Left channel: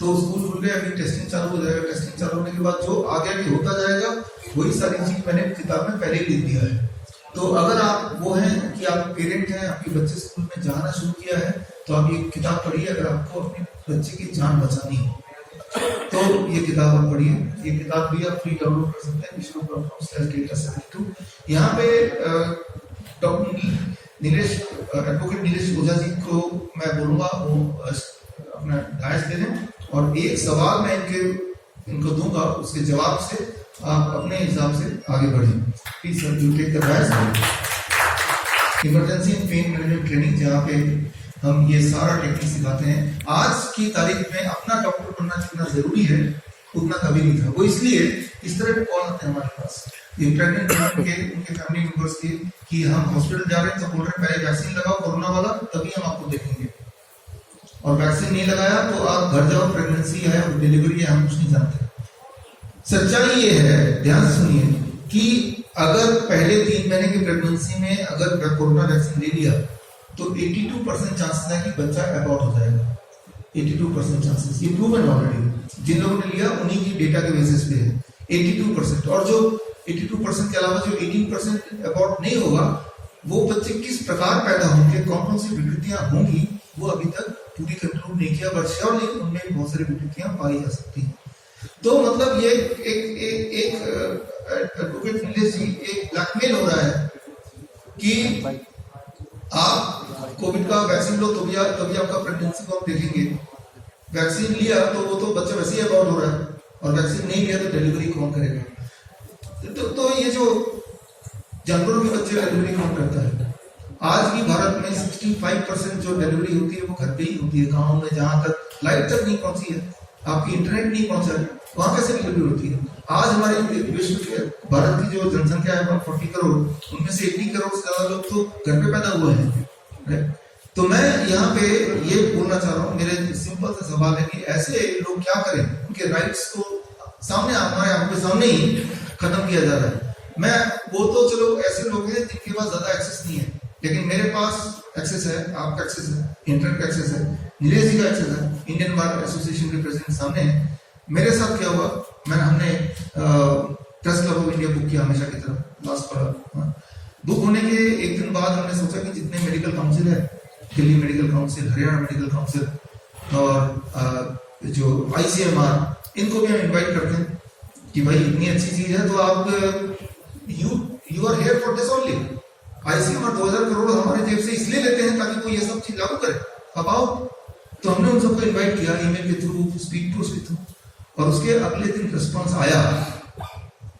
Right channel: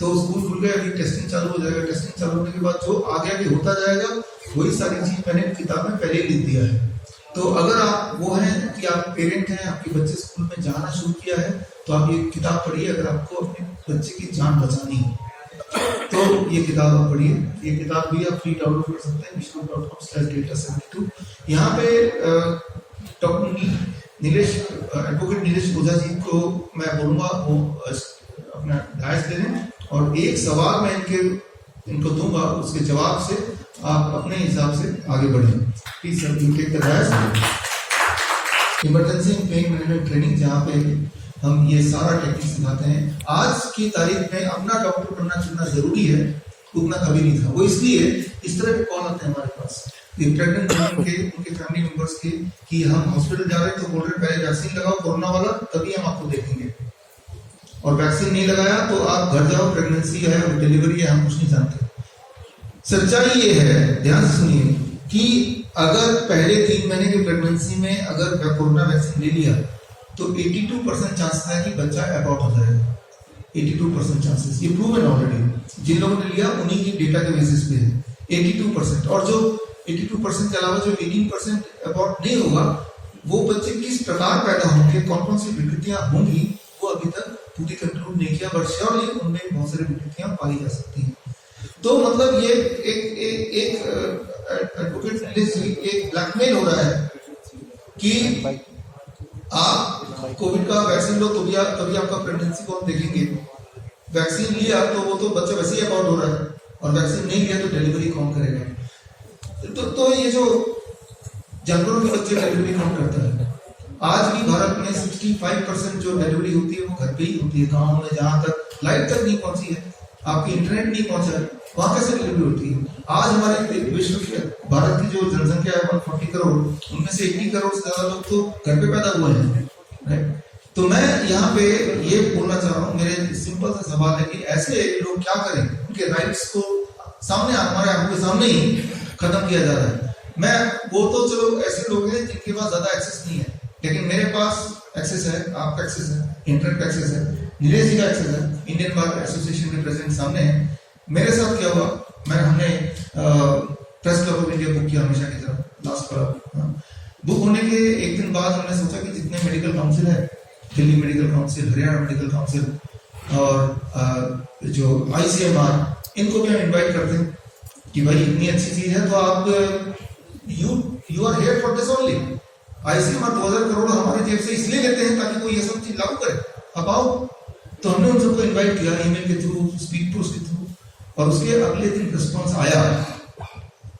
तो स्कूल खुल गया, अभी टेस्टिंग चालू हो जाएगा। टेस्टिंग चालू होने के बाद जो आगे आगे होता जाएगा वही सारी चीज मैंने किताब में पहले ही लिख दिया है। तो अगर आप वो हैं कि आप पेरेंट हैं, आपके बच्चे स्कूल में जाना शुरू किया है, तो आप ये किताब पढ़िए। अगर आपको अपने बच्चे की जान बचानी है तो ये किताब आप पढ़िए। ये किताब भी आप फ्री डाउनलोड कर सकते हैं wishnu.com/data72। यहाँ पे डॉक्टर नीलेश, एडवोकेट नीलेश ओझा जी को मैं बोलूंगा वो अपना दायज दे दें, और एक सवाल मैं इनको दूंगा, उसके जवाब से आप अपने हिसाब से आगे बढ़ें। Please sir, you take the dais. Emergency and pain management training, जहाँ पे हम ये सारा टेक्निक सिखाते हैं। आज की तारीख में अपना डॉक्टर बनना जितना जरूरी है उतना कभी नहीं था। वो इसलिए इस तरह के कॉल आते हैं हमारे पास, ये प्रेग्नेंट के उनके फैमिली मेंबर्स के, कि हम हॉस्पिटल जा रहे हैं तो बोल रहे हैं पहले वैक्सीन लगाओ कोरोना वाला, तभी हम आपको देखेंगे। और वैक्सीन नहीं लगाया तो आप घर जाओ, प्रेगनेंसी है और डिलीवरी है, हम कुछ नहीं जानते। सच्चाई ये है, ध्यान से सुनिए, कि अगर पहले 3 महीने की प्रेगनेंसी में अगर कोरोना वैक्सीन ले लिया तो 82% चांसेस है कि बच्चा अबॉर्ट हो जाएगा। 82% चांसेस, ये प्रूवन ऑलरेडी। जिन लोगों ने लिया उन्हीं की डेटा के बेसिस पे है 82%। और जो 82% के अलावा जो 18% अबॉर्ट नहीं होगा, वो बच्चे किस प्रकार पैदा होंगे, कौन कौन सी विकृतियां होंगी, वो अभी तक पूरी कंक्लूड नहीं किया, बट श्योरली उनमें बहुत सारी विकृतियां पाई जा सकती हैं। तो मतलब ये एक एडवोकेट नीलेश जी, एक ब्लैकमेल हो रहा है कि आप कोविड का वैक्सीन लो तभी आपका प्रेगनेंसी को हम देखेंगे। वैक्सीन लिया तो वो तो बच्चा वैसे ही अबॉर्ट हो रहा है, और वैक्सीन नहीं लिया तो डिलीवरी कौन करेगा? तो ये जो जानवरों के बच्चे डिलीवरी कौन करता है? आज भी भारत में 65% जो डिलीवरी होती है वो घर पे ही होती है। गाँव में जहाँ तक लाइट तक नहीं पहुंची है, आपकी इंटरनेट नहीं पहुंचा है, वहां कैसे डिलीवरी होती है? आज हमारी विश्व के भारत की जो जनसंख्या है 140 करोड़, उनमें से 80 करोड़ से ज्यादा लोग तो घर पे पैदा हुए हैं। तो मैं यहाँ पे ये बोलना चाह रहा हूँ, मेरे सिंपल सा सवाल है कि ऐसे लोग क्या करें? उनके राइट्स को सामने हमारे आंखों के सामने ही खत्म किया जा रहा है। मैं वो तो चलो ऐसे लोग हैं जिनके पास ज्यादा एक्सेस नहीं है, लेकिन मेरे पास एक्सेस है, आपका एक्सेस है, इंटरनेट का एक्सेस है, नीलेश जी का एक्सेस है, इंडियन बार एसोसिएशन के प्रेसिडेंट सामने है। मेरे साथ क्या हुआ, हमने press club of India book किया हमेशा की तरह, लास्ट पर बुक होने के एक दिन बाद हमने सोचा कि जितने मेडिकल काउंसिल है, Delhi medical council, Haryana medical council और जो ICMR, इनको भी हम इन्वाइट करते हैं कि भाई इतनी अच्छी चीज है तो आप you are here for this only. ICMR 2000 crore हमारे जेब से इसलिए लेते हैं ताकि वो ये सब चीज लागू करे, अब आओ। तो हमने उन सबको इन्वाइट किया ईमेल के थ्रू, स्पीक टू के थ्रू, और उसके अगले दिन रिस्पॉन्स आया।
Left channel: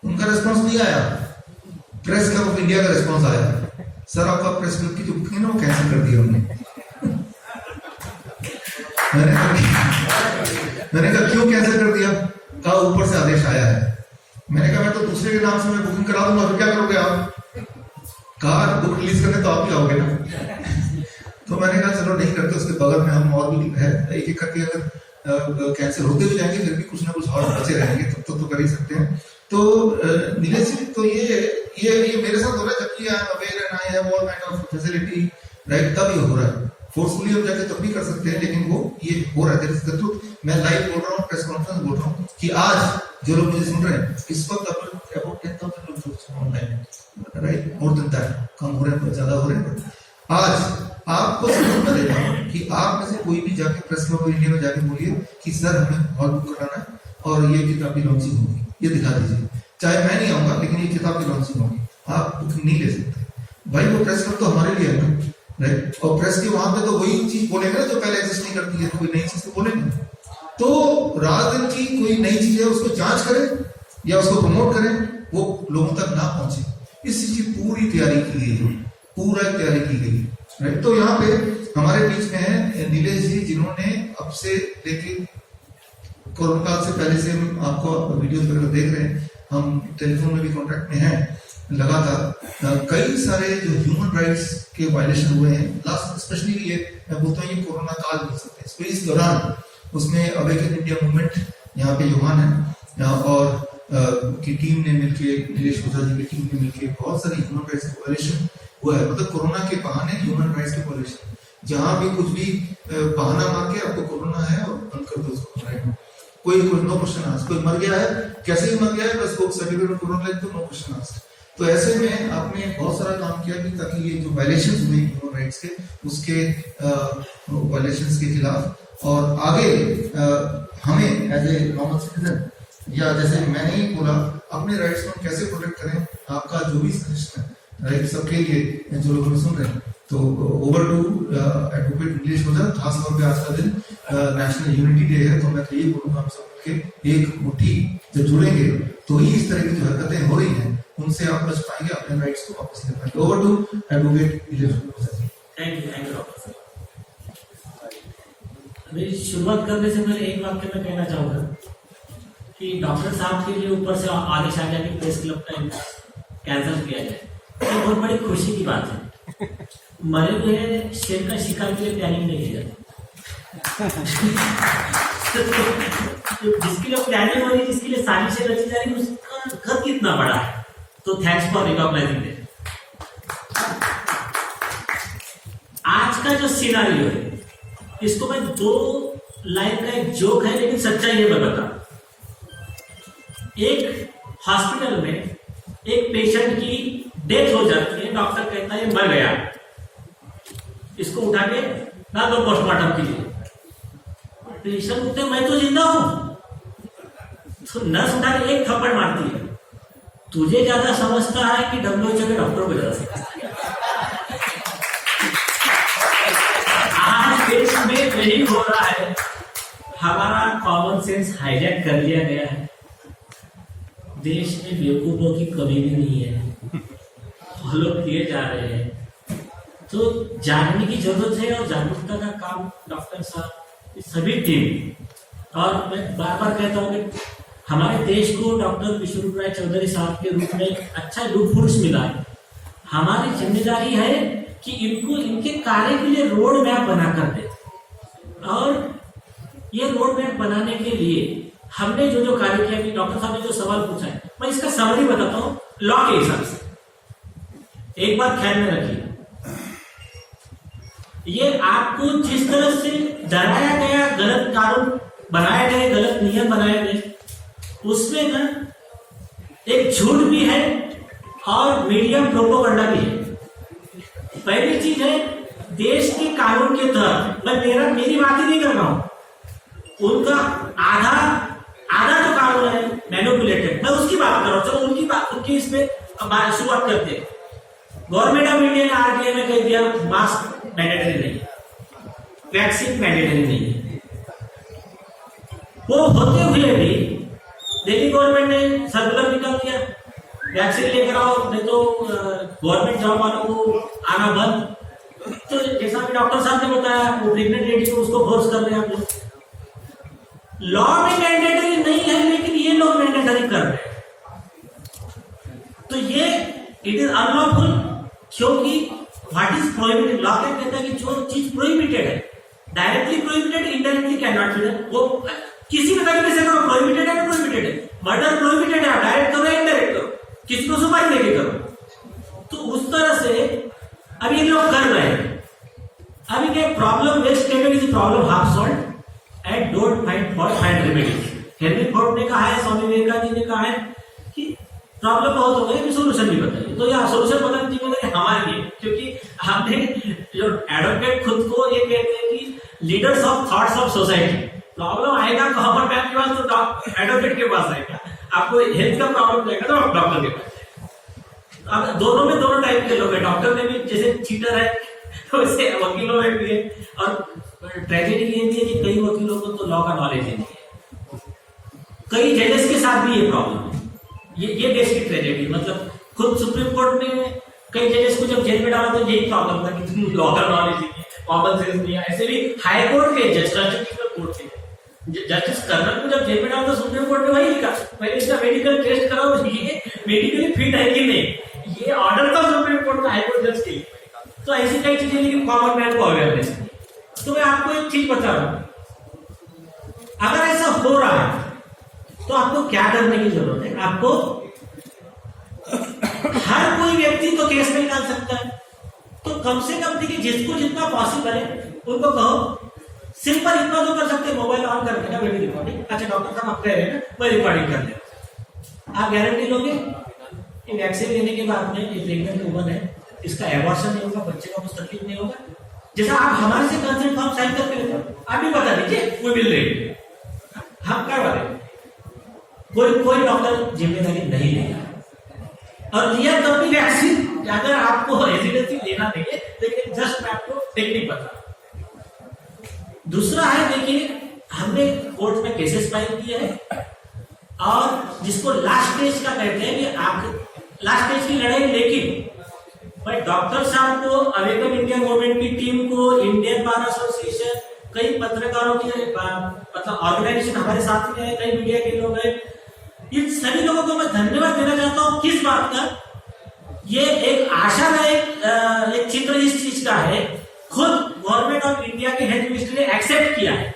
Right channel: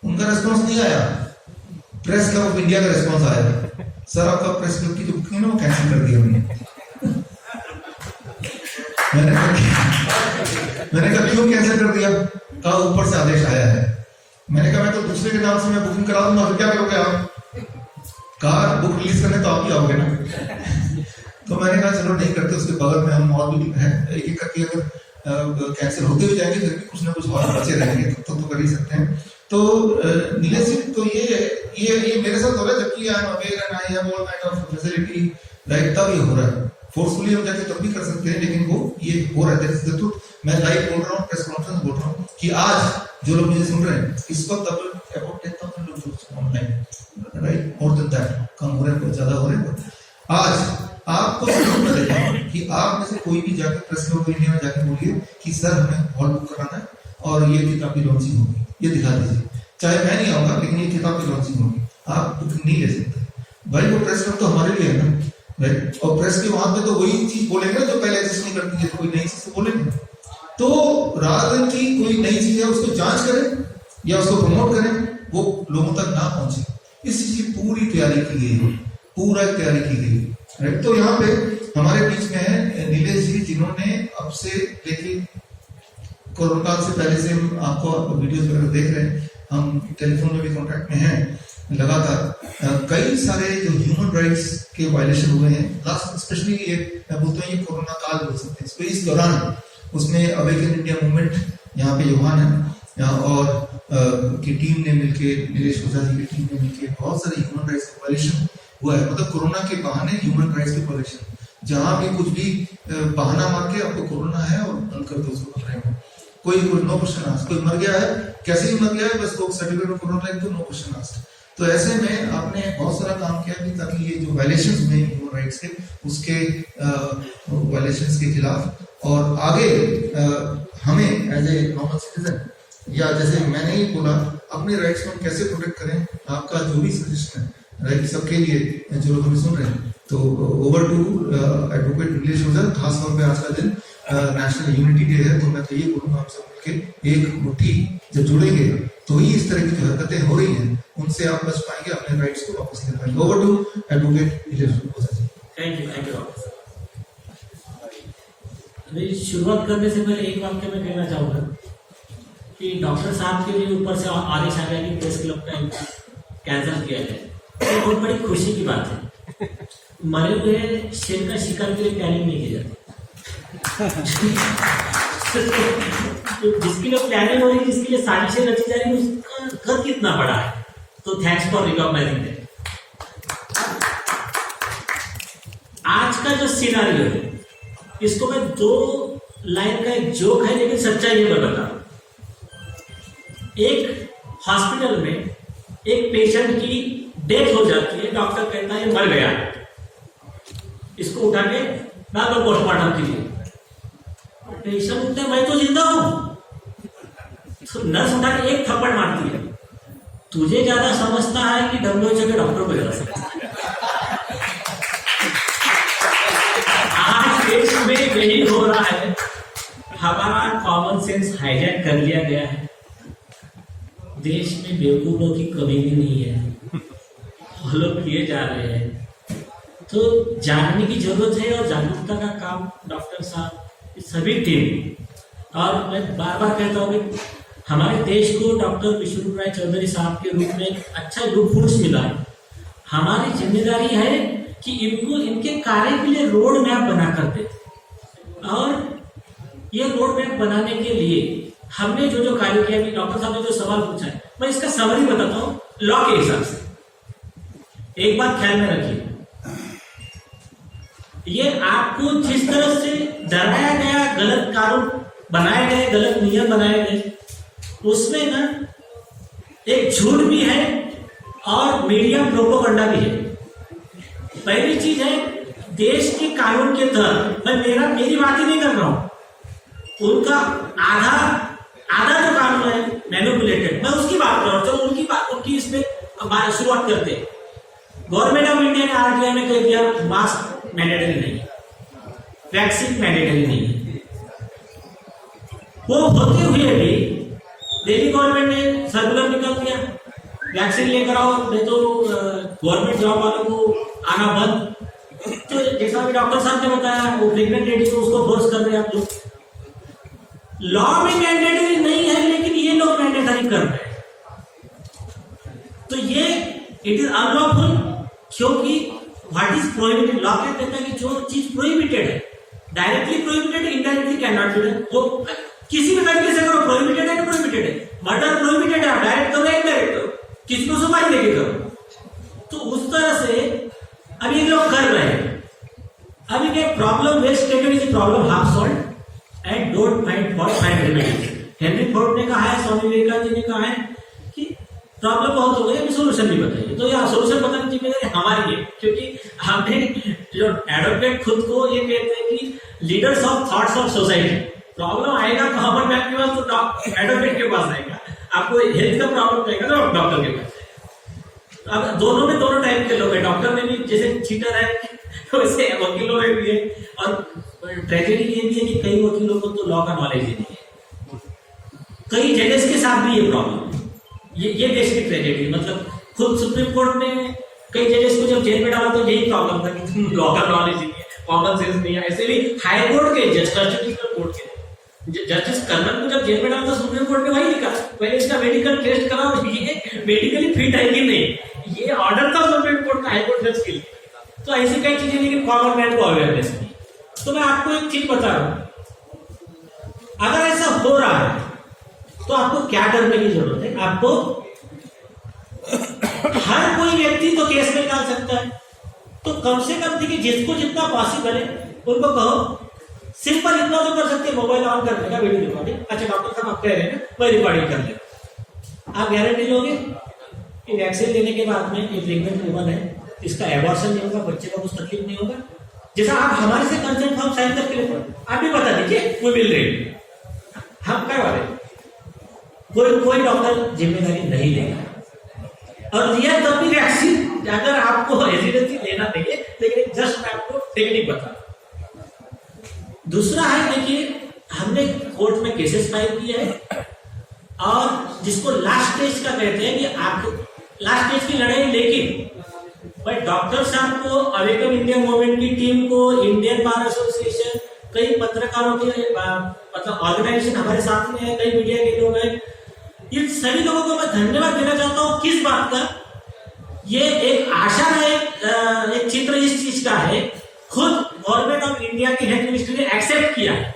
उनका रिस्पॉन्स नहीं आया, प्रेस क्लब ऑफ इंडिया का रिस्पॉन्स आया, सर आपका प्रेस क्लब की जो बुकिंग है ना वो कैंसिल कर दी हमने। मैंने कहा क्यों कैंसिल कर दिया? कहा ऊपर से आदेश आया है। मैंने कहा मैं तो दूसरे के नाम से मैं बुकिंग करा दूंगा, फिर क्या करोगे आप? कहा बुक रिलीज करने तो आप ही आओगे ना। तो मैंने कहा चलो नहीं करते, उसके बगल में हम और भी है, एक एक करके अगर कैंसिल होते भी जाएंगे फिर भी कुछ ना कुछ और बचे रहेंगे, तो कर ही सकते हैं। तो नीलेश जी, तो ये मेरे साथ हो रहा है, जबकि I am aware and I have all kind of facility, right? तब ये हो रहा है। फोर्सफुली हम जाके तब भी कर सकते हैं, लेकिन वो ये हो रहा है। That is the truth. मैं लाइव बोल रहा हूँ, प्रेस कॉन्फ्रेंस बोल रहा हूँ कि आज जो लोग मुझे सुन रहे हैं, इस वक्त अबाउट 10,000 लोग online, right? More than that, कम हो रहे हैं, ज्यादा हो रहे हैं। आज आपको समझ देता हूँ कि आप में से कोई भी जाके प्रेस क्लब ऑफ इंडिया में जाके बोलिए कि सर हमें हॉल बुक कराना है और ये किताब की लॉन्चिंग होगी, ये दिखा दीजिए। चाहे मैं नहीं आऊंगा, लेकिन ये किताब की लॉन्चिंग होगी, आप बुकिंग नहीं ले सकते। भाई वो प्रेस क्लब तो हमारे लिए है ना, राइट? और प्रेस के वहां पे तो वही चीज बोलेंगे ना जो पहले एग्जिस्ट नहीं करती है, तो कोई नई चीज तो बोलेंगे। तो रात दिन की कोई नई चीज है उसको जांच करें या उसको प्रमोट करें, वो लोगों तक ना पहुंचे, इस चीज की पूरी तैयारी की गई है, पूरा तैयारी की गई, राइट? तो यहाँ पे हमारे बीच में है नीलेश जी, जिन्होंने अब से लेके कोरोना काल से पहले से हम आपको वीडियोस वगैरह देख रहे हैं, हम टेलीफोन में भी कांटेक्ट में हैं लगातार। कई सारे जो ह्यूमन राइट्स के वायलेशन हुए हैं लास्ट, स्पेशली ये मैं बोलता हूँ ये कोरोना काल बोल सकते हैं, इस दौरान उसमें अवेकन इंडिया मूवमेंट यहाँ पे युवान है और की टीम ने मिलके, नीलेश ओझा जी की टीम ने मिलके बहुत सारे ह्यूमन राइट्स के वायलेशन हुआ है। मतलब कोरोना के बहाने ह्यूमन राइट्स के वायलेशन, जहां भी कुछ भी बहाना मार के आपको कोरोना है और बंद कर दो उसको राइट। कोई नो क्वेश्चन आस्क, कोई मर गया है, कैसे ही मर गया है, बस वो सर्टिफिकेट में कोरोना लिख दो, नो क्वेश्चन आस्क। तो ऐसे में आपने बहुत सारा काम किया कि ताकि ये जो वायलेशंस हुए ह्यूमन राइट्स के, उसके वायलेशंस के खिलाफ और आगे हमें एज ए नॉर्मल सिटीजन या जैसे मैंने ही बोला अपने राइट्स को कैसे प्रोटेक्ट करें, आपका जो भी सजेशन है राइट सबके लिए जो लोग हमें सुन रहे हैं, तो ओवर टू एडवोकेट नीलेश ओझा। खास तौर पे आज का दिन नेशनल यूनिटी डे है, तो मैं तो ये बोलूंगा हम सब के एक मुट्ठी जब जुड़ेंगे तो ही इस तरह की जो हरकतें हो रही हैं उनसे आप बच पाएंगे, अपने राइट्स को वापस ले पाएंगे। Over to advocate Nilesh Ojha ji. Thank you doctor. अभी शुरुआत करने से पहले एक वाक्य मैं कहना चाहूंगा कि डॉक्टर साहब के लिए ऊपर से आदेश आ गया कि प्रेस क्लब का इनका कैंसिल किया जाए। ये बहुत बड़ी खुशी की बात है। मरे हुए शेर का शिकार के लिए प्लानिंग नहीं की जाती। जिसके लिए प्लानिंग हो रही है, जिसके लिए साजिशें रची जा रही है, उसका घर कितना बड़ा है। तो थैंक्स फॉर रिकॉग्नाइजिंग दैट। आज का जो सिनारियो है इसको मैं 2 लाइन का एक जोक है लेकिन सच्चाई है मैं बता। एक हॉस्पिटल में एक पेशेंट की डेथ हो जाती है, डॉक्टर कहता है मर गया, इसको उठा के मैं तो पोस्टमार्टम कीजिए। पेशेंट उठते मैं तो जिंदा हूं, तो नर्स उठा के एक थप्पड़ मारती है, तुझे ज्यादा समझता है कि WHO के डॉक्टर को ज्यादा समझता है। आज देश में वही हो रहा है, हमारा कॉमन सेंस हाईजैक कर लिया गया है। देश में बेवकूफों की कमी भी नहीं है, फॉलो किए जा रहे हैं। तो जानने की जरूरत है और जागरूकता का काम डॉक्टर साहब सभी टीम। और मैं बार बार कहता हूँ कि हमारे देश को डॉक्टर विश्वरूप राय चौधरी साहब के रूप में अच्छा लुटफुट मिला है। हमारी जिम्मेदारी है कि इनको इनके कार्य के लिए रोड मैप बना कर दे, और ये रोड मैप बनाने के लिए हमने जो जो कार्य किया, डॉक्टर साहब ने जो सवाल पूछा है मैं इसका समरी बताता हूँ लॉ के हिसाब से। एक बात ख्याल में रखिए, ये आपको जिस तरह से डराया गया, गलत कानून बनाए गए, गलत नियम बनाए गए, उसमें ना एक झूठ भी है और मीडियम प्रोपेगेंडा भी है। पहली चीज है देश के कानून के तहत, मैं मेरी बात ही नहीं कर रहा हूं, उनका आधा जो कानून है मैनिपुलेटेड, मैं उसकी बात कर रहा हूं। चलो उनकी इसमें शुरुआत करते हैं। गवर्नमेंट ऑफ इंडिया ने आरटीआई में कह दिया मास्क मैंडेटरी नहीं, वैक्सीन मैंडेटरी नहीं है। वो होते हुए भी दिल्ली गवर्नमेंट ने सर्कुलर निकाल दिया वैक्सीन लेकर आओ, नहीं तो गवर्नमेंट जॉब वालों को आना बंद। तो जैसा डॉक्टर साहब ने बताया, वो प्रेग्नेंट लेडी को उसको फोर्स कर रहे हैं आप लोग। लॉ में मैंडेटरी नहीं है लेकिन ये लोग मैंडेटरी कर रहे हैं, तो ये इट इज अनलॉफुल। क्योंकि व्हाट इज प्रोहिबिटेड, लॉ क्या कहता है कि जो चीज प्रोहिबिटेड है, directly prohibited, indirectly can not be done. वो किसी भी तरीके से अगर प्रोहिबिटेड है, प्रोहिबिटेड है। मर्डर प्रोहिबिटेड है, डायरेक्ट करो या इनडायरेक्ट करो, किसी को सुपारी लेके करो। तो उस तरह से अब ये लोग कर रहे हैं। अभी क्या problem, west tender is problem half solved and don't find remedies. Henry Ford ने कहा है, स्वामी विवेकानंद जी ने कहा है कि प्रॉब्लम बहुत हो गई, सोल्यूशन भी बताइए। तो यह सोल्यूशन बताने की जिम्मेदारी हमारी है, क्योंकि हमने जो एडवोकेट खुद को ये कहते हैं कि leaders of thoughts of society. Problem आएगा तो कॉमन मैन के पास, तो एडवोकेट के पास आएगा। आपको हेल्थ का प्रॉब्लम जाएगा तो डॉक्टर के पास। अब दोनों में दोनों टाइप के लोग हैं, डॉक्टर में भी जैसे चीटर है वैसे वकीलों में भी है। और ट्रेजेडी ये भी है कि कई वकीलों को तो लॉ का नॉलेज ही नहीं है, कई जजेस के साथ भी ये प्रॉब्लम है। ये देश की ट्रेजेडी, मतलब खुद सुप्रीम कोर्ट ने कई जजेस को जब जेल में डाला तो यही प्रॉब्लम था कि तुम लॉ का नॉलेज नहीं है, कॉमन सेंस नहीं है। ऐसे भी हाई कोर्ट के जज, कॉन्स्टिट्यूशनल कोर्ट के जस्टिस कर्नल को जब जेल में डाला तो सुप्रीम कोर्ट ने वही लिखा, पहले इसका मेडिकल टेस्ट कराओ, ये मेडिकली फिट है कि नहीं। ये ऑर्डर था सुप्रीम कोर्ट का हाई कोर्ट जज के लिए। तो ऐसी कई चीजें लेकिन कॉमन मैन को अवेयरनेस नहीं। तो मैं आपको एक चीज बता रहा हूं, अगर ऐसा हो रहा है तो आपको क्या करने की जरूरत है। आपको हर कोई व्यक्ति तो केस में डाल सकता है, तो कम से कम देखिए जिसको जितना पॉसिबल है उनको कहो, सिंपल इतना जो कर सकते हैं मोबाइल ऑन करने का, वीडियो रिकॉर्डिंग। अच्छा डॉक्टर साहब आप कह रहे हैं ना, वही रिकॉर्डिंग कर ले, आप गारंटी लोगे कि वैक्सीन लेने के बाद में ये प्रेग्नेंट वुमन है, इसका एबॉर्शन नहीं होगा, बच्चे का कुछ तकलीफ नहीं होगा। जैसा आप हमारे से कंसर्न फॉर्म साइन करके लेते, आप भी बता दीजिए वो मिल रही, हम क्या बोले, कोई डॉक्टर जिम्मेदारी नहीं लेगा। और लिया तो भी वैक्सीन, अगर आपको रेजिडेंसी लेना नहीं, लेकिन जस्ट आपको टेक्निक बता। दूसरा है, देखिए हमने कोर्ट में केसेस फाइल किए हैं और जिसको लास्ट स्टेज का कहते हैं कि आप लास्ट स्टेज की लड़ाई, लेकिन भाई डॉक्टर साहब को, अवेकन इंडिया मूवमेंट की टीम को, इंडियन बार एसोसिएशन, कई पत्रकारों के मतलब ऑर्गेनाइजेशन हमारे साथ में है, कई मीडिया के लोग हैं, इन सभी लोगों को मैं धन्यवाद देना चाहता हूं। किस बात का? ये एक आशा का एक चित्र इस चीज का है, खुद गवर्नमेंट ऑफ इंडिया के हेल्थ मिनिस्ट्री ने एक्सेप्ट किया है।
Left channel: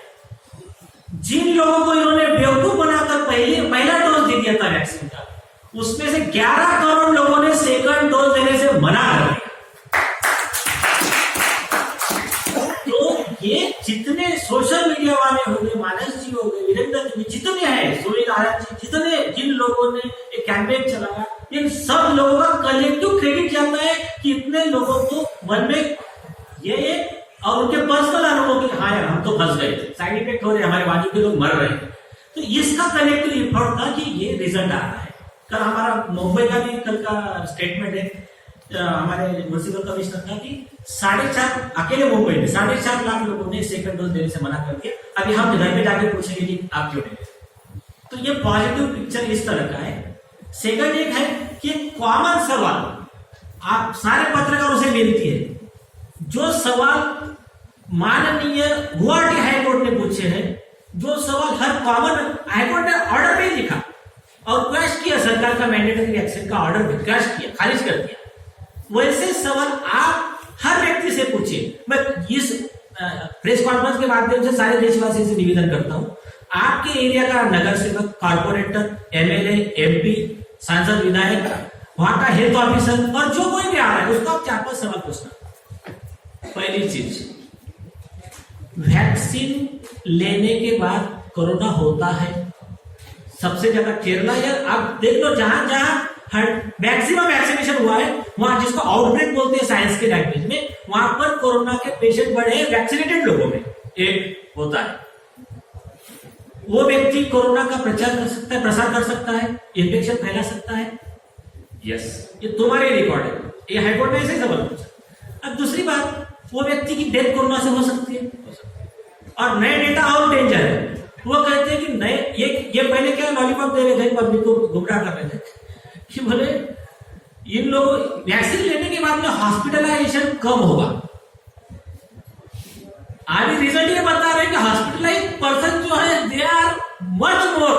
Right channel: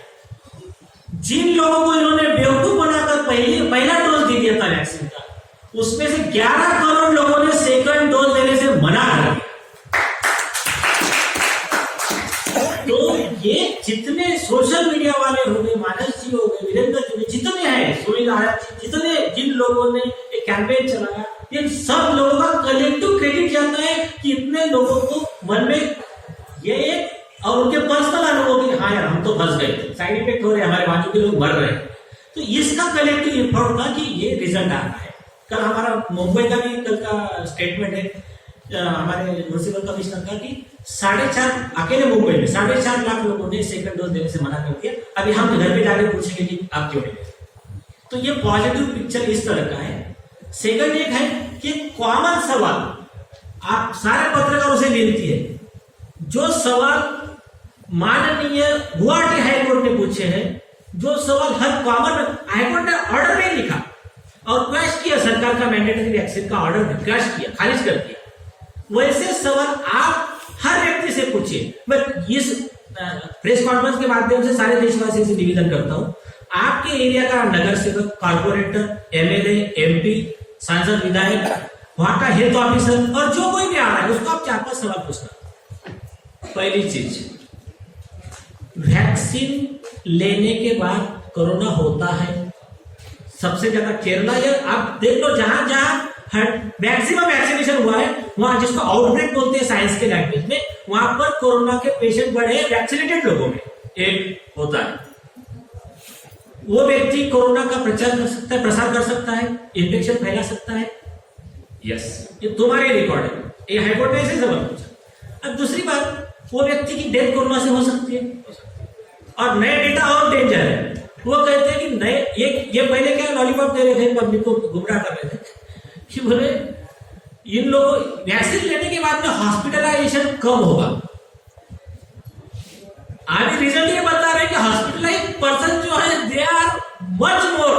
जिन लोगों को इन्होंने बेवकूफ बनाकर पहला डोज दे दिया था वैक्सीन का, उसमें से 11 करोड़ लोगों ने सेकंड डोज देने से मना कर दिया। तो ये जितने सोशल मीडिया वाले हो गए, मानस जी हो गए, वीरेंद्र जी, जितने हैं, सुनील आर्य जी, जिन लोगों ने एक कैंपेन चलाया, इन सब लोगों का कलेक्टिव क्रेडिट जाता है कि इतने लोगों को मन में ये एक, और उनके पर्सनल अनुभव की, हाँ यार हम तो फंस गए, साइड इफेक्ट हो रहे, हमारे बाजू के लोग मर रहे हैं, तो इसका कलेक्टिव एफर्ट था कि ये रिजल्ट आ रहा है। कल हमारा मुंबई का भी कल का स्टेटमेंट है हमारे म्युनिसिपल कमिश्नर का कि 4.5 अकेले मुंबई में 4.5 लाख लोगों ने सेकंड डोज देने से मना कर दिया। अभी हम घर पे जाके पूछेंगे कि आप क्यों नहीं। तो ये पॉजिटिव पिक्चर इस तरह का है। सेकंड एक है कि कॉमन सवाल आप सारे पत्रकारों से विनती है, जो सवाल माननीय गुवाहाटी हाईकोर्ट ने पूछे हैं, जो सवाल हर कॉमन, हाईकोर्ट ने ऑर्डर में लिखा और क्वेश्चन किया, सरकार का मैंडेटरी वैक्सीन का ऑर्डर क्वेश्चन किया, खारिज कर दिया, वैसे सवाल आप हर व्यक्ति से पूछिए। मैं इस प्रेस कॉन्फ्रेंस के माध्यम से सारे देशवासियों से निवेदन करता हूं, आपके एरिया का नगर सेवक, कारपोरेटर, एमएलए, एमपी, सांसद, विधायक, वहां का हेल्थ ऑफिसर और जो कोई भी आ रहा है उसको आप 4-5 सवाल पूछना। पहली चीज, वैक्सीन लेने के बाद कोरोना होता है, सबसे ज्यादा केरला है, आप देख लो जहां जहां मैक्सिमम वैक्सीनेशन हुआ है, वहां जिसको आउटब्रेक बोलते हैं साइंस के लैंग्वेज में, वहां पर कोरोना के पेशेंट बढ़े हैं वैक्सीनेटेड लोगों में। एक होता है वो व्यक्ति कोरोना का प्रचार कर सकता है, प्रसार कर सकता है, इन्फेक्शन फैला सकता है। यस, ये तुम्हारे रिकॉर्ड है, ये हाईकोर्ट में ऐसे सवाल पूछा। अब दूसरी बात, वो व्यक्ति की डेथ कोरोना से हो सकती है और नए डेटा और डेंजर है। वो कहते हैं कि नए ये पहले क्या लॉलीपॉप दे रहे थे, पब्लिक को गुमराह कर रहे थे कि बोले इन लोगों वैक्सीन लेने के बाद में हॉस्पिटलाइजेशन कम होगा। अभी रिजल्ट ये बता रहे हैं कि हॉस्पिटलाइज पर्सन जो है they are much more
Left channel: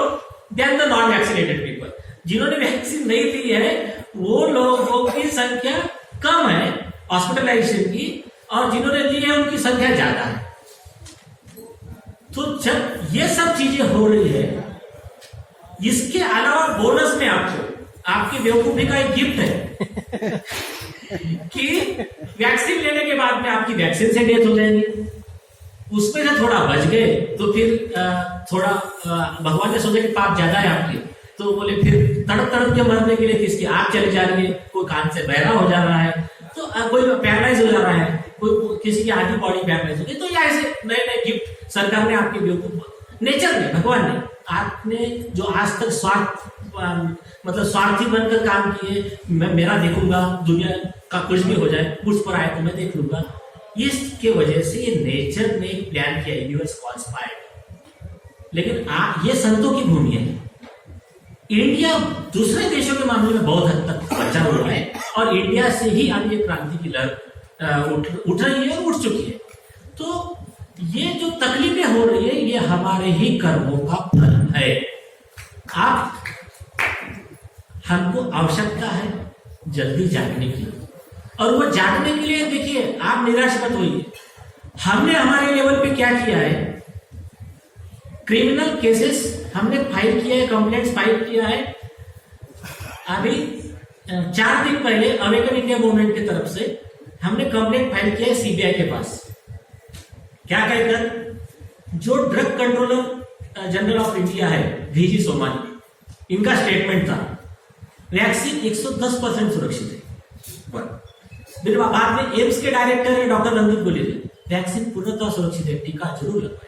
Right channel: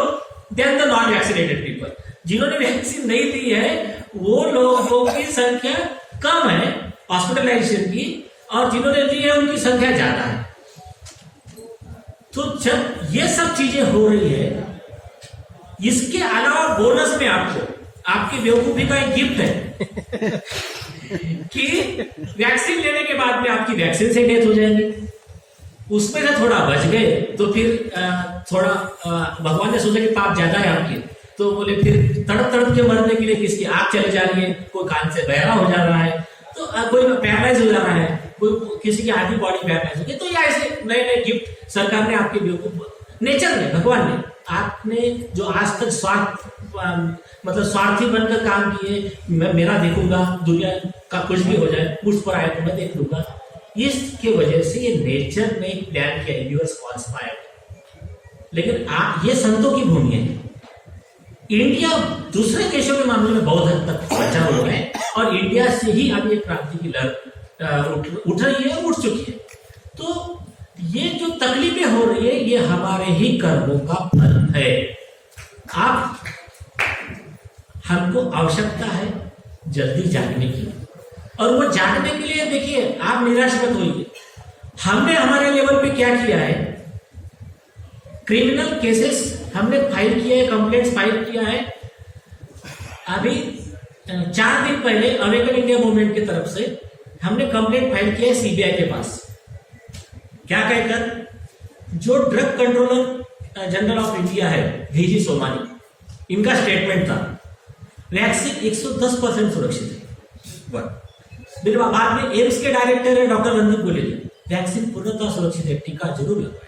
than the non vaccinated people. जिन्होंने वैक्सीन नहीं ली है वो लोगों की संख्या कम है हॉस्पिटलाइजेशन की, और जिन्होंने ली है उनकी संख्या ज्यादा है। तो जब ये सब चीजें हो रही है, इसके अलावा बोनस में आपकी बेवकूफी का एक गिफ्ट है कि वैक्सीन लेने के बाद में आपकी वैक्सीन से डेथ हो जाएगी, उसमें से थोड़ा बच गए तो फिर थोड़ा भगवान ने सोचा कि पाप ज्यादा है आपकी, तो बोले फिर तड़प तड़प के मरने के लिए किसकी आंख चली जा रही है, कोई कान से बहरा हो जा रहा है, तो कोई पैरालाइज हो जा रहा है, कोई किसी की आधी बॉडी पैरालाइज हो गई। तो ये ऐसे नए नए गिफ्ट सरकार ने आपके बेवकूफ नेचर में, भगवान ने, आपने जो आज तक स्वार्थी बनकर काम किए, मैं मेरा देखूंगा, दुनिया का कुछ भी हो जाए, मुझ पर आए तो मैं देख लूंगा, इसकी वजह से ये नेचर ने प्लान किया, यूनिवर्स कॉन्स्पायर्ड। लेकिन ये संतों की भूमि है। इंडिया दूसरे देशों के मामले में बहुत हद तक बचा हुआ है और इंडिया से ही अब ये क्रांति की लहर उठ रही है, उठ चुकी है। तो ये जो तकलीफें हो रही है ये हमारे ही कर्मों का फल है। आप हमको आवश्यकता है जल्दी जागने की, और वो जागने के लिए देखिए आप निराश मत होइए। हमने हमारे लेवल पे क्या किया है, क्रिमिनल केसेस हमने फाइल किया है, कंप्लेंट्स फाइल किया है। अभी 4 दिन पहले अवेकन इंडिया मूवमेंट की तरफ से हमने कंप्लेंट फाइल किया है सीबीआई के पास। क्या कहकर, जो drug controller general of India है वीजी सोमानी, इनका स्टेटमेंट था वैक्सीन 110% सुरक्षित है। फिर बाद में एम्स के डायरेक्टर है डॉक्टर रणदीप गुलेरिया, वैक्सीन पूर्णतः सुरक्षित है, टीका जरूर लगवाए।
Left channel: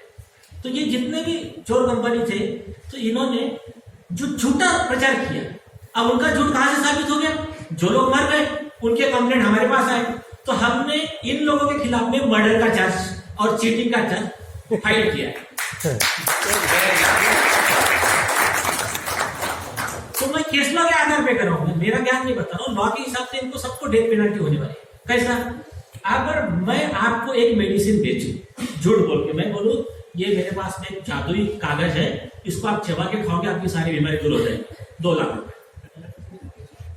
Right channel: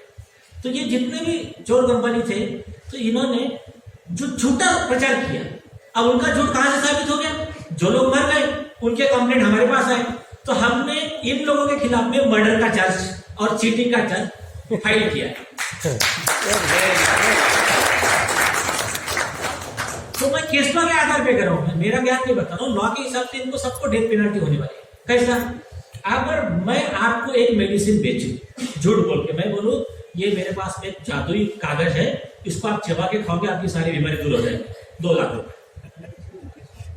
तो ये जितने भी चोर कंपनी थे, तो इन्होंने जो झूठा प्रचार किया, अब उनका झूठ कहां से साबित हो गया? जो लोग मर गए उनके कंप्लेंट हमारे पास आए, तो हमने इन लोगों के खिलाफ में मर्डर का चार्ज और चीटिंग का चार्ज फाइल किया है। तो मैं केस लॉ के आधार पे कर रहा हूं, मेरा ज्ञान नहीं बता रहा हूं, लॉ के हिसाब से इनको सबको डेथ पेनल्टी होने वाली है। कैसा? अगर मैं आपको एक मेडिसिन बेचूं, झूठ बोल के मैं बोलूं ये मेरे पास में जादुई कागज है, इसको आप चबा के खाओगे आपकी सारी बीमारी दूर हो जाएगी, 2 लाख रुपए।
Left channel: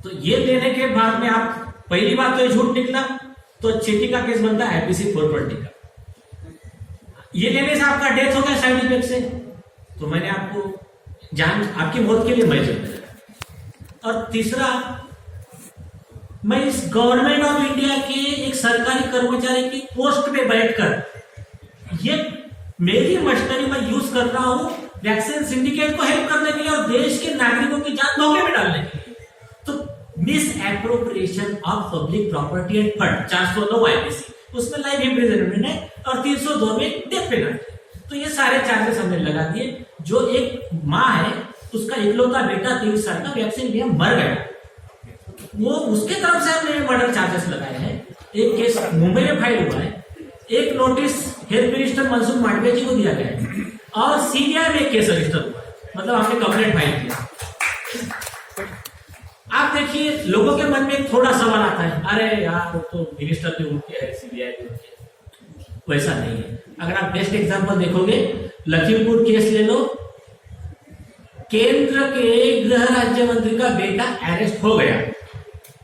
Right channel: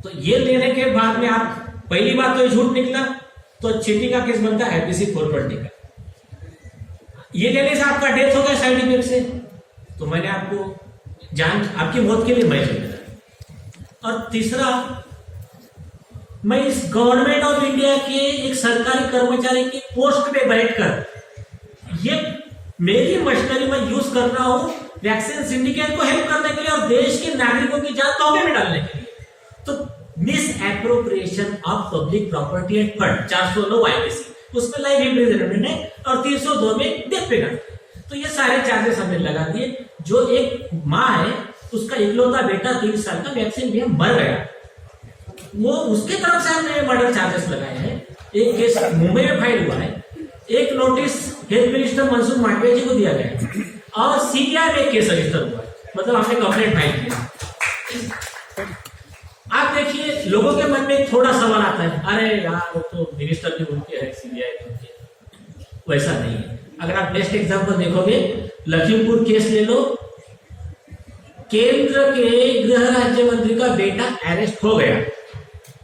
तो ये लेने के बाद में आप, पहली बात तो ये झूठ निकला, तो चीटिंग का केस बनता है IPC 420 का। ये लेने से आपका डेथ हो गया साइड इफेक्ट से, तो मैंने आपको जान, आपकी मौत के लिए मैं जिम्मेदार। और तीसरा, मैं इस गवर्नमेंट ऑफ इंडिया के एक सरकारी कर्मचारी की पोस्ट पे बैठकर ये मेरी मशीनरी में यूज कर रहा हूं वैक्सीन सिंडिकेट को हेल्प करने के लिए और देश के नागरिकों की जान धोखे में डालने के लिए। तो miss appropriation of public property end fund 409 IPC, उसमें लाइफ इम्प्रिजनमेंट है और 302 में डेथ पेनल्टी। तो ये सारे चार्जेस हमने लगा दिए। जो एक माँ है, उसका इकलौता बेटा 23 साल का वैक्सीन लिया मर गया, वो उसके तरफ से हमने मर्डर चार्जेस लगाए हैं। एक केस मुंबई में फाइल हुआ है, एक notice health minister Mansukh Mandaviya ji को दिया गया है और CBI में एक केस रजिस्टर हुआ, मतलब हमने कंप्लेंट फाइल किया। आप देखिए, लोगों के मन में एक थोड़ा सवाल आता है, अरे यार वो तो मिनिस्टर भी उनके है, CBI भी उनके, वैसा नहीं है। अगर आप बेस्ट एग्जांपल देखोगे, लखीमपुर केस ले लो, केंद्र के गृह राज्य मंत्री का बेटा अरेस्ट हो गया,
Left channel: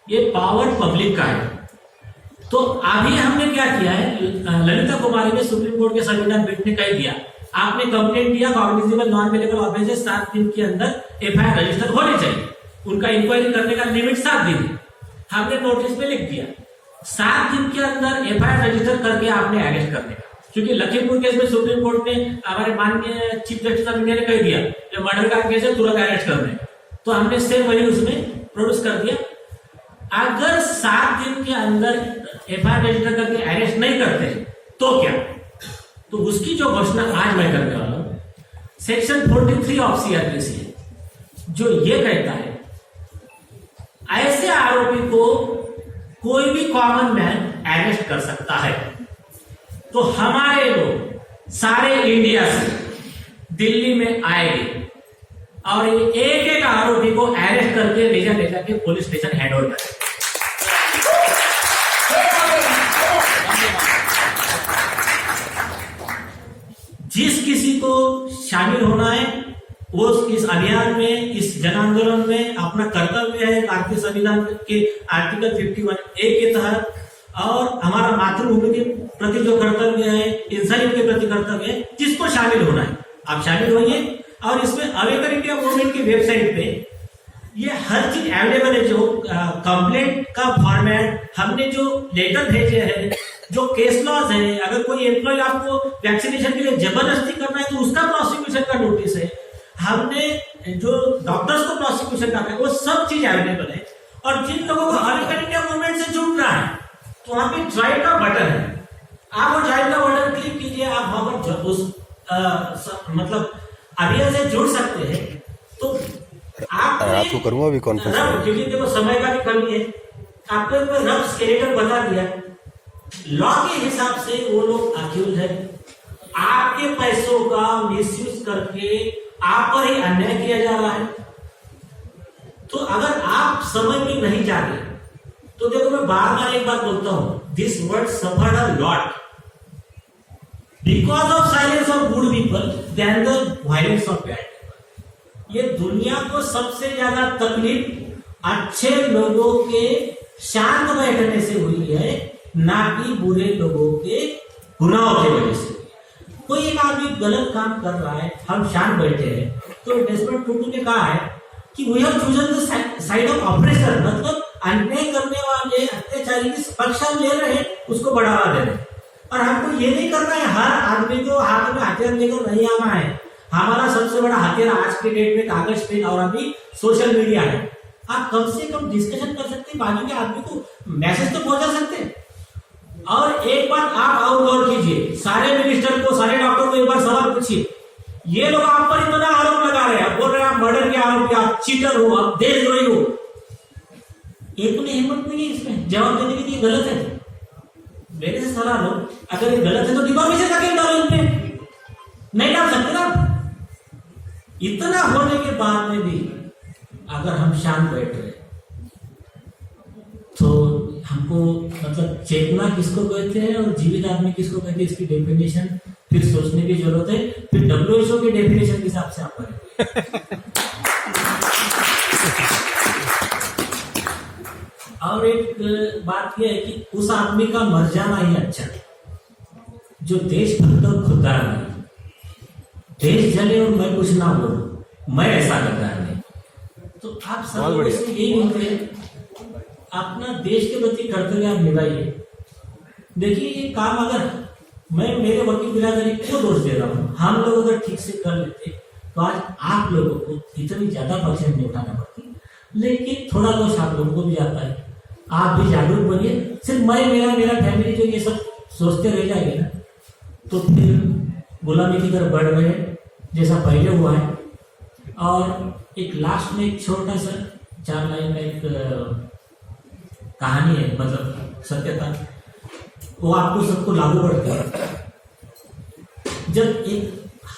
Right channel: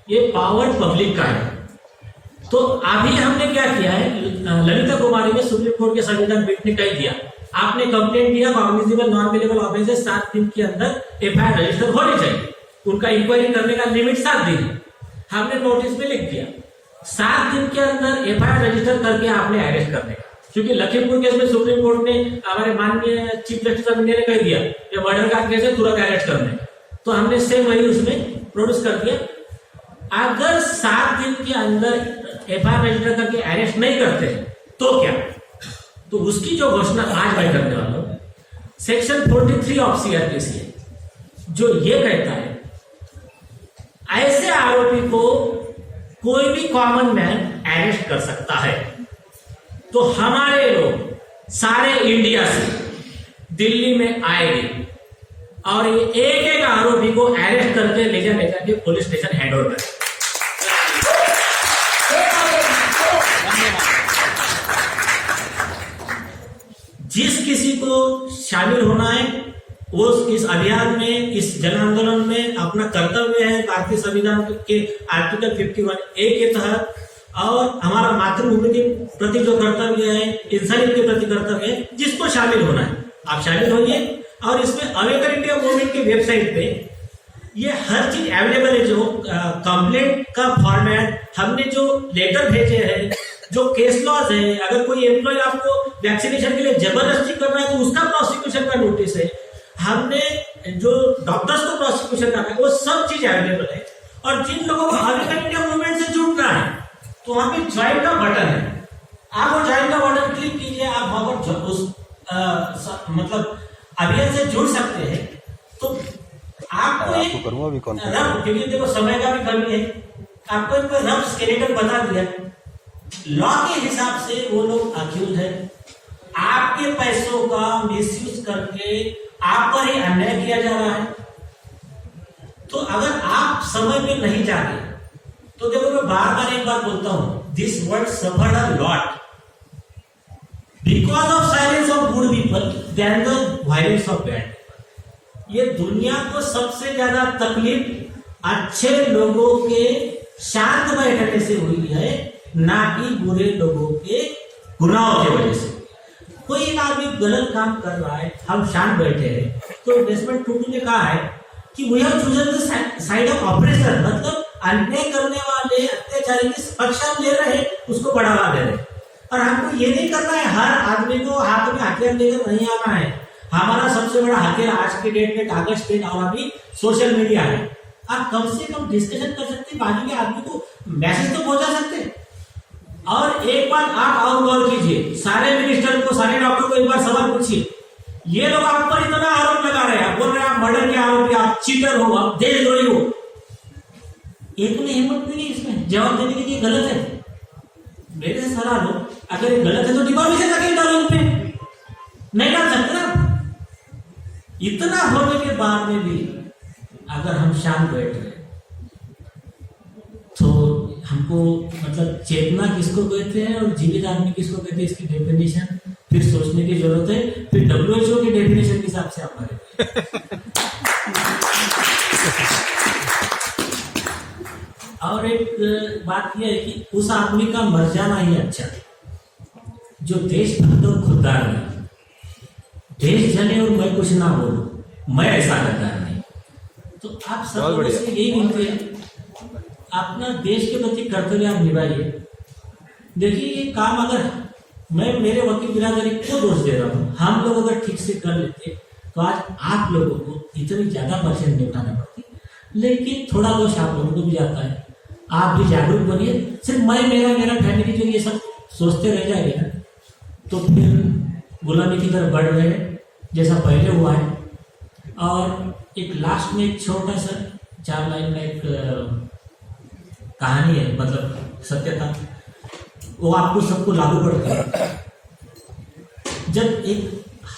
ये पावर पब्लिक का है। तो अभी हमने क्या किया है, ललिता कुमारी ने सुप्रीम कोर्ट के संविधान पीठ ने कह दिया, आपने कंप्लेंट दिया, कॉग्निजेबल नॉन अवेलेबल ऑफेंसेस 7 दिन के अंदर FIR रजिस्टर होनी चाहिए, उनका इंक्वायरी करने का लिमिट 7 दिन है। हमने नोटिस में लिख दिया 7 दिन के अंदर FIR रजिस्टर करके आपने अरेस्ट करने का, क्योंकि लखीमपुर केस में सुप्रीम कोर्ट ने, हमारे माननीय चीफ जस्टिस ऑफ इंडिया ने कह दिया ये मर्डर का केस है, तुरंत अरेस्ट करने का। तो हमने सेम वही उसमें प्रोड्यूस कर दिया। अगर 7 दिन के अंदर FIR रजिस्टर करके अरेस्ट नहीं करते तो क्या? तो उसकी जो घोषणा आज मैं करने वाला हूं, सेक्शन 43 ऑफ CRPC जो ये कहता है, ऐसे आरोपी को कोई भी कॉमन मैन अरेस्ट कर सकता है। तो हमारे लोग सारे इंडिया से दिल्ली में आएंगे और ये एक एक आरोपी को अरेस्ट करके ले जाके पुलिस स्टेशन हैंड ओवर करें। जिस किसी को शामिल होना है वो इस अभियान में, इस जन आंदोलन में अपना कर्तव्य है भारतीय संविधान के आर्टिकल 51A के तहत, और हमारा मातृभूमि के प्रति जो कर्तव्य है, इंसानियत के प्रति कर्तव्य है, जिसको शामिल होना है आप शामिल होइए। और इसमें अवेकर इंडिया मूवमेंट की वेबसाइट पे ये हर चीज अवेलेबल है, जो कंप्लेंट का फॉर्मेट, हमने जो लेटर भेजे हैं, जो केस लॉज है, अगर कोई एम्प्लॉय आपको वैक्सीनेशन के लिए जबरदस्ती कर रहा है तो उसका प्रोसिक्यूशन का नोटिस है, हमने जो डॉक्टर्स को प्रोसिक्यूशन करना है, वो सब चीज अवेलेबल है। और जिन लोगों को अवेकर इंडिया मूवमेंट से जुड़ना है तो वहां पे ज्वाइन का बटन है, आप वो ज्वाइन का बटन क्लिक कीजिए, आप वहां पर उस मतलब अभियान से जुड़ सकते हैं। तो आपको करूंगा भी रफ, क्योंकि देखो समय का भी कमी है, आपको एक रफ स्केलेटन बता दिया। लॉ के हिसाब से वो लोग अक्यूज है, आपके पैसों का मिसयूज करके आप पर ही अन्याय किया जा रहा है। तो अगर आप समय पे नहीं जागे तो देखो, मैं बार बार एक बात बोलता हूं, this world suffered a lot because of silence of good people than the violence of bad. ये दुनिया को सबसे ज्यादा तकलीफ अच्छे लोगों के शांत बैठने से हुई है, ना कि बुरे लोगों के गुनाहों की वजह से। कोई एक आदमी गलत काम कर रहा है, हम शांत बैठे हैं, तो डेस्मंड टुटू ने कहा है कि we have chosen the side of operation, मतलब अन्याय करने वाले अत्याचारी की पक्ष हम ले रहे हैं, उसको बढ़ावा दे रहे हैं। और हमको ये नहीं करना है हर आदमी को हाथ में हथियार लेकर नहीं आना है। हमारा सबसे बड़ा हथियार आज के डेट में कागज, पेन और अभी सोशल मीडिया है। आप कम से कम डिस्कशन कर सकते हैं, बाजू के आदमी को मैसेज तो पहुंचा सकते हैं। और एक बार आप और गौर कीजिए, सारे मिनिस्टर को, सारे डॉक्टर को एक बार सवाल पूछिए, ये लोग आप पर इतना आरोप लगा रहे हैं, बोल रहे हैं आप मर्डर के आरोपी, आप चीटर हो, आप देशद्रोही हो, एक में हिम्मत नहीं है इसमें जवाब देने की। गलत है, मेरे से सवाल हो, अगर ये गलत है तो डिफामेशन केस डालो उन पे, नहीं डाल सकते ना। इतना होने के बाद में भी अगर हम शांत बैठ रहे तो हमको मतलब चेतना किसको कहते हैं और जीवित आदमी किसको कहते हैं, इसकी डेफिनेशन फिर सोचने की जरूरत है। फिर WHO की डेफिनेशन के हिसाब से आप करें। और एक बात यह है कि उस आदमी का मर जाना ही अच्छा है जो देशभक्त और खुददार है। देश जले और मैं कुछ ना बोलूं, मैं ऐसा गद्दार नहीं। तो आप सब लोगों से यही बोलते हैं, अपना देश के प्रति कर्तव्य आप निभाइए। देखिए ये काम अगर मैं मेरे वकील बिरादरी को दोष दे रहा हूँ, हम लोग अगर ठीक से कर लेते तो आज आप लोगों को इतनी ज्यादा परसेंट नहीं उठाना पड़ती। लेकिन थोड़ा दोष आप लोगों को भी जाता है, आप भी जागरूक बनिए। सिर्फ मैं मेरा फैमिली जो ये सब सोचते रह जाएंगे ना तो फिर गुलामी की तरफ बढ़ रहे हैं जैसा पहले हुआ है। और एक लास्ट में एक छोटा सा 4 लाइन का एक कहानी है, मतलब सत्यता, वो आपको सबको लागू पड़ता है। जब एक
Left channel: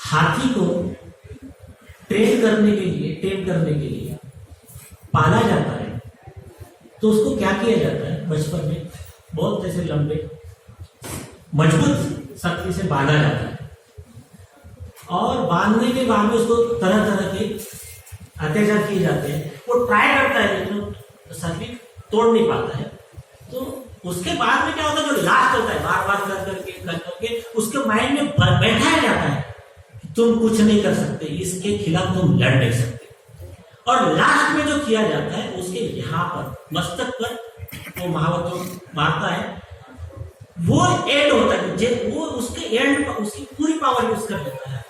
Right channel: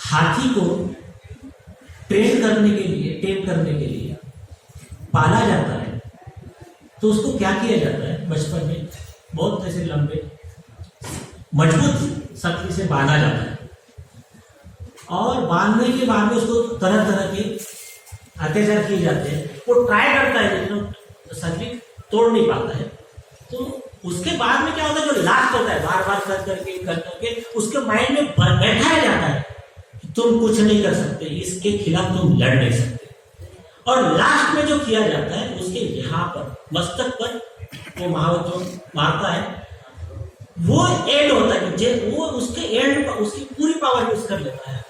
हाथी को टेम करने के लिए पाला जाता है तो उसको क्या किया जाता है, बचपन में बहुत ऐसे लंबे मजबूत शक्ति से बांधा जाता है और बांधने के बाद में उसको तरह तरह के अत्याचार किए जाते हैं। वो ट्राई करता है लेकिन शक्ति तोड़ नहीं पाता है। तो उसके बाद में क्या होता है, जो लास्ट होता है बार बार कर करके उसके माइंड में बैठाया जाता है कि तुम कुछ नहीं कर सकते, इसके खिलाफ तुम लड़ नहीं सकते। और लास्ट में जो किया जाता है उसके यहाँ पर मस्तक पर वो महावत मारता है, वो एंड होता है, वो उसके एंड पर उसकी पूरी पावर यूज कर लेता है,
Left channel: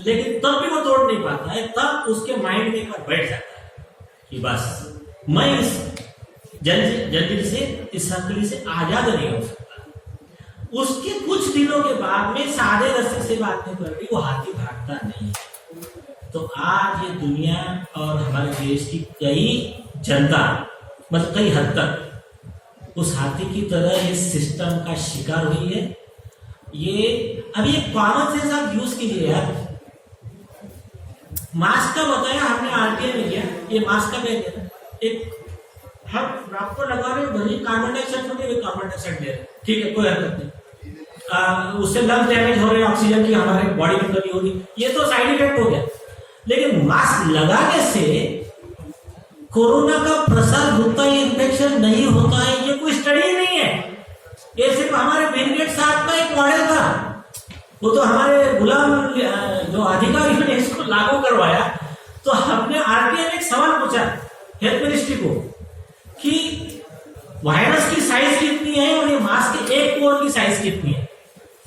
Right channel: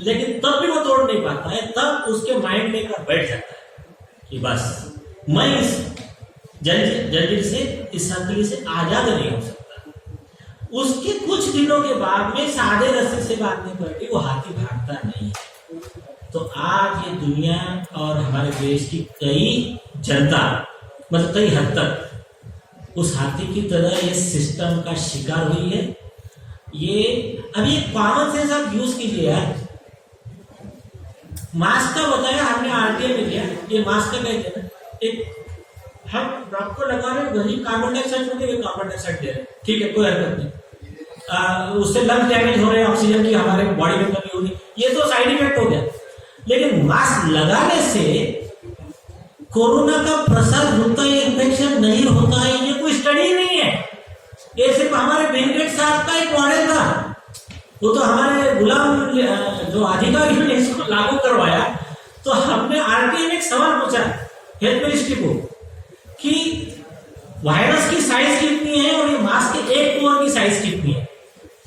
लेकिन तब भी वो तोड़ नहीं पाता है। तब उसके माइंड में एक बार बैठ जाता है कि बस मैं इस जंजीर से, इस संकली से आजाद नहीं हो सकता। उसके कुछ दिनों के बाद में सादे रस्से से बांधने पर भी वो हाथी भागता नहीं है। तो आज ये दुनिया और हमारे देश की कई जनता मतलब कई हद तक उस हाथी की तरह ये सिस्टम का शिकार हुई है। ये अभी एक कॉमन सेंस आप यूज कीजिए यार। मास्क का बताया हमने RTI में किया, ये मास्क का कहते हैं एक हम आपको लगा रहे हैं वही कार्बन डाइऑक्साइड छोड़ते हुए कार्बन डाइऑक्साइड दे रहे हैं, ठीक है कोई हरकत नहीं, उससे लंग्स डैमेज हो रहे हैं, ऑक्सीजन की हमारे बॉडी में कमी हो रही, ये तो साइड इफेक्ट हो गया। लेकिन मास्क लगाने से कोरोना का प्रसार होता है, इन्फेक्शन नहीं होता है, ये कोई स्टडी नहीं है। ये सिर्फ हमारे बिल गेट्स साहब का एक मॉडल था, वो तो हमारे गुलाम जो अधिकारियों ने इसको लागू करवाया। तो हमने RTI में एक सवाल पूछा हेल्थ मिनिस्ट्री को कि वायरस की साइज कितनी है और ये मास्क के एक पोर की साइज कितनी है।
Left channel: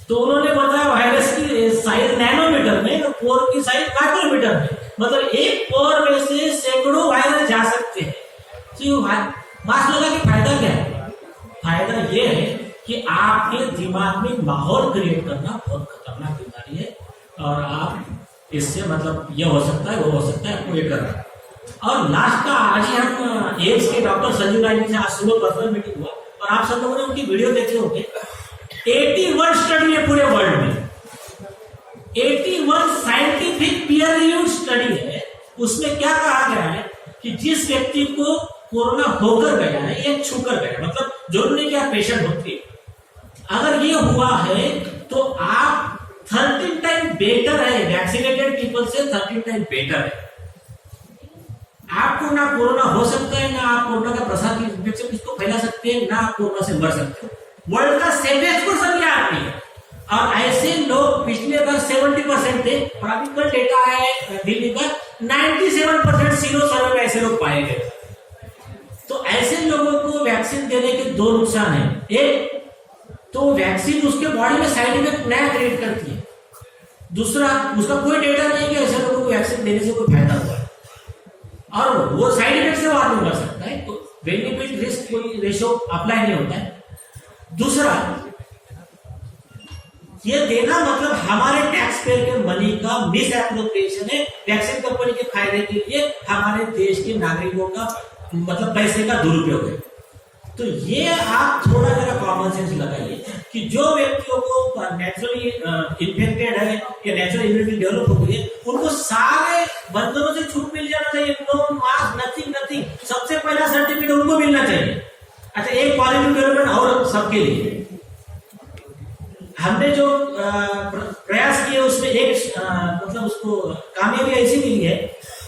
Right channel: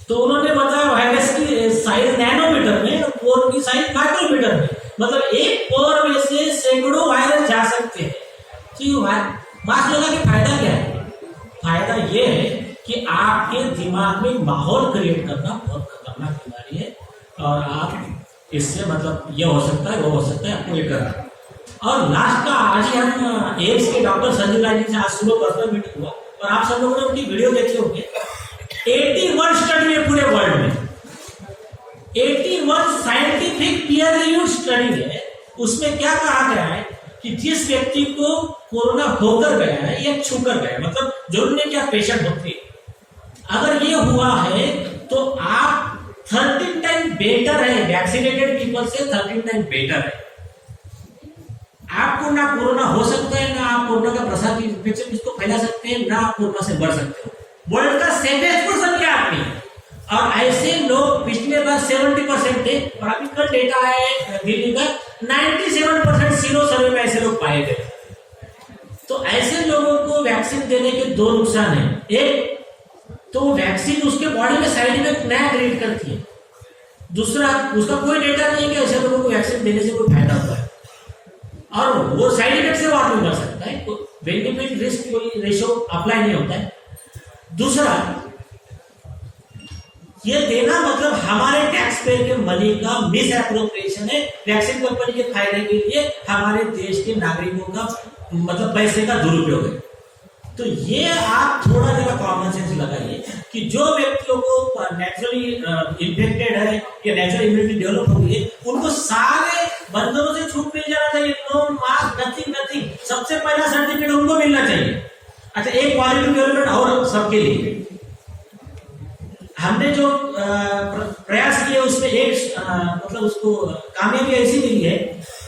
तो उन्होंने बताया वायरस की साइज नैनोमीटर में और पोर की साइज माइक्रोमीटर में, मतलब एक पोर में से सैकड़ों वायरस जा सकते हैं। तो ये मास्क लगा के फायदा क्या है? फायदा ये है कि आपके दिमाग में माहौल क्रिएट करना बहुत खतरनाक बीमारी है और आप इससे मतलब ये हो सकता है वो हो सकता है आपको लेकर। और लास्ट का आज ही हम एम्स के डॉक्टर संजू राय जी से आज सुबह पर्सनल मीटिंग हुआ और आप सब लोगों ने उनकी वीडियो देखे होंगे। 81 स्टडी है पूरे वर्ल्ड में, 81 साइंटिफिक पीयर रिव्यूड स्टडी है। उसमें क्या कहा गया है कि जिस व्यक्ति को कोरोना होकर गया है या छूकर गया, मतलब जरूर नहीं कि आप पेशेंट होते, अगर ये हुआ है तो आप 13 टाइम बेटर है, वैक्सीनेटेड पीपल से 13 टाइम बेटर है। आपको ना कोरोना हो सकता है, ना आप कोरोना का प्रसार की इन्फेक्शन इसको फैला सकते हैं, ना आप कोरोना से मर सकते हो। वर्ल्ड का सेफेस्ट पर्सन क्या आदमी है और ऐसे लोग पिछले बार 70% थे और अभी कल डेटा है दिल्ली का 97% सीरो सर्वे में ऐसे लोग पाए गए। तो ऐसे लोगों को वैक्सीन देने के दो नुकसान है। एक तो वैक्सीन उसके बॉडी में साइड इफेक्ट नया क्रिएट करती है, दूसरा उसका कोई डेटा नहीं है कि ऐसे लोगों को वैक्सीन देने से कोई फायदा होता है, और वो साइड इफेक्ट से वार नहीं कर सकता है, तो बेनिफिट रिस्क कोई रेशो अप्लाई नहीं होता है। दूसरा, ये देना मतलब हमारे टैक्स पेयर के मनी का मिस एप्रोप्रिएशन है, वैक्सीन कंपनी के फायदे के लिए हमारे देश के नागरिकों का मतलब पैसे का दुरुपयोग है। तो ये आप थोड़ा जरा कॉमन सेंस लगाइए कि जो व्यक्तियों को नेचुरली इन्फेक्टेड है या नेचुरल इम्यूनिटी डेवलप हो गई है, उनको सारे बंदरों से छूट मिल जाना चाहिए, नो मास्क, नथिंग, सबसे पहला सर्टिफिकेट उनको मिलना चाहिए। अच्छा, एक क्वालिटी डेवलपमेंट और सबके लिए हमने जो प्रयास किए उसमें एक मतलब उसको कामयाबी ऐसी मिली है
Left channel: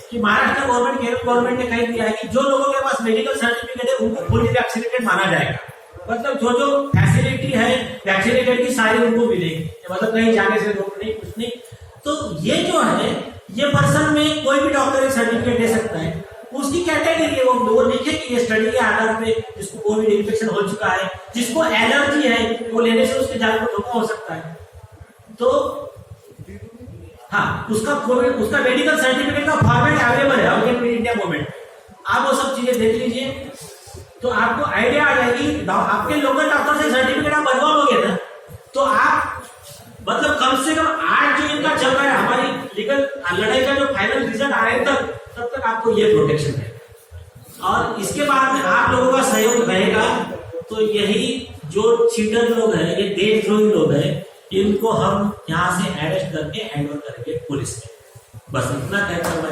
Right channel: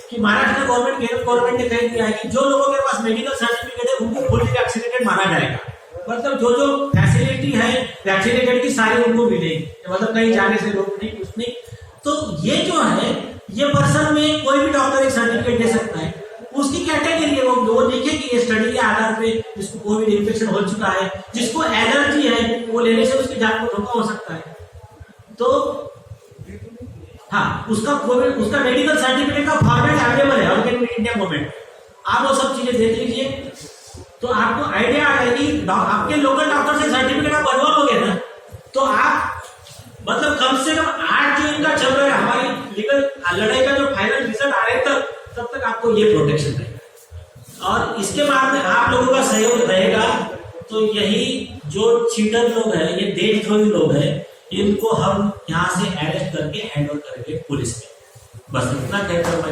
कि महाराष्ट्र गवर्नमेंट, केरल गवर्नमेंट ने कह दिया है कि जो लोगों के पास मेडिकल सर्टिफिकेट है उनको फुली वैक्सीनेटेड माना जाएगा, मतलब जो जो फैसिलिटी है वैक्सीनेटेड की सारी उनको मिलेगी, मतलब कहीं जाने से रोक नहीं, कुछ नहीं। तो ये जो है, ये पर्सन में कोई भी डॉक्टर एक सर्टिफिकेट दे सकता है, उसकी कैटेगरी है, वो लिखे कि ये स्टडी के आधार पे जिसको कोविड इन्फेक्शन हो चुका है, जिसको एलर्जी है, वो लेने से उसके जान को धोखा हो सकता है। तो हाँ, उसका मेडिकल सर्टिफिकेट का फॉर्मेट अवेलेबल है ऑर्गेन इंडिया मूवमेंट, आप वो सब चीजें देख लीजिए तो आपको आइडिया आ जाएगी। आपके लोकल डॉक्टर से सर्टिफिकेट आप बनवा लोगे ना, तो आप मतलब कम से कम 8 जो इनका चल रहा है हमारी लीगल लड़ाई का जो फाइनल रिजल्ट आ रहा है तब तक आपको ये प्रोटेक्शन रहेगा, और इसके बाद में आप लोगों का सहयोग रहेगा। तो यही जो चीटर लोग हैं, ये देशद्रोही लोग हैं, इनको हम यहाँ से अरेस्ट करके हैंड ओवर करेंगे पुलिस में। बस इतना कहकर मैं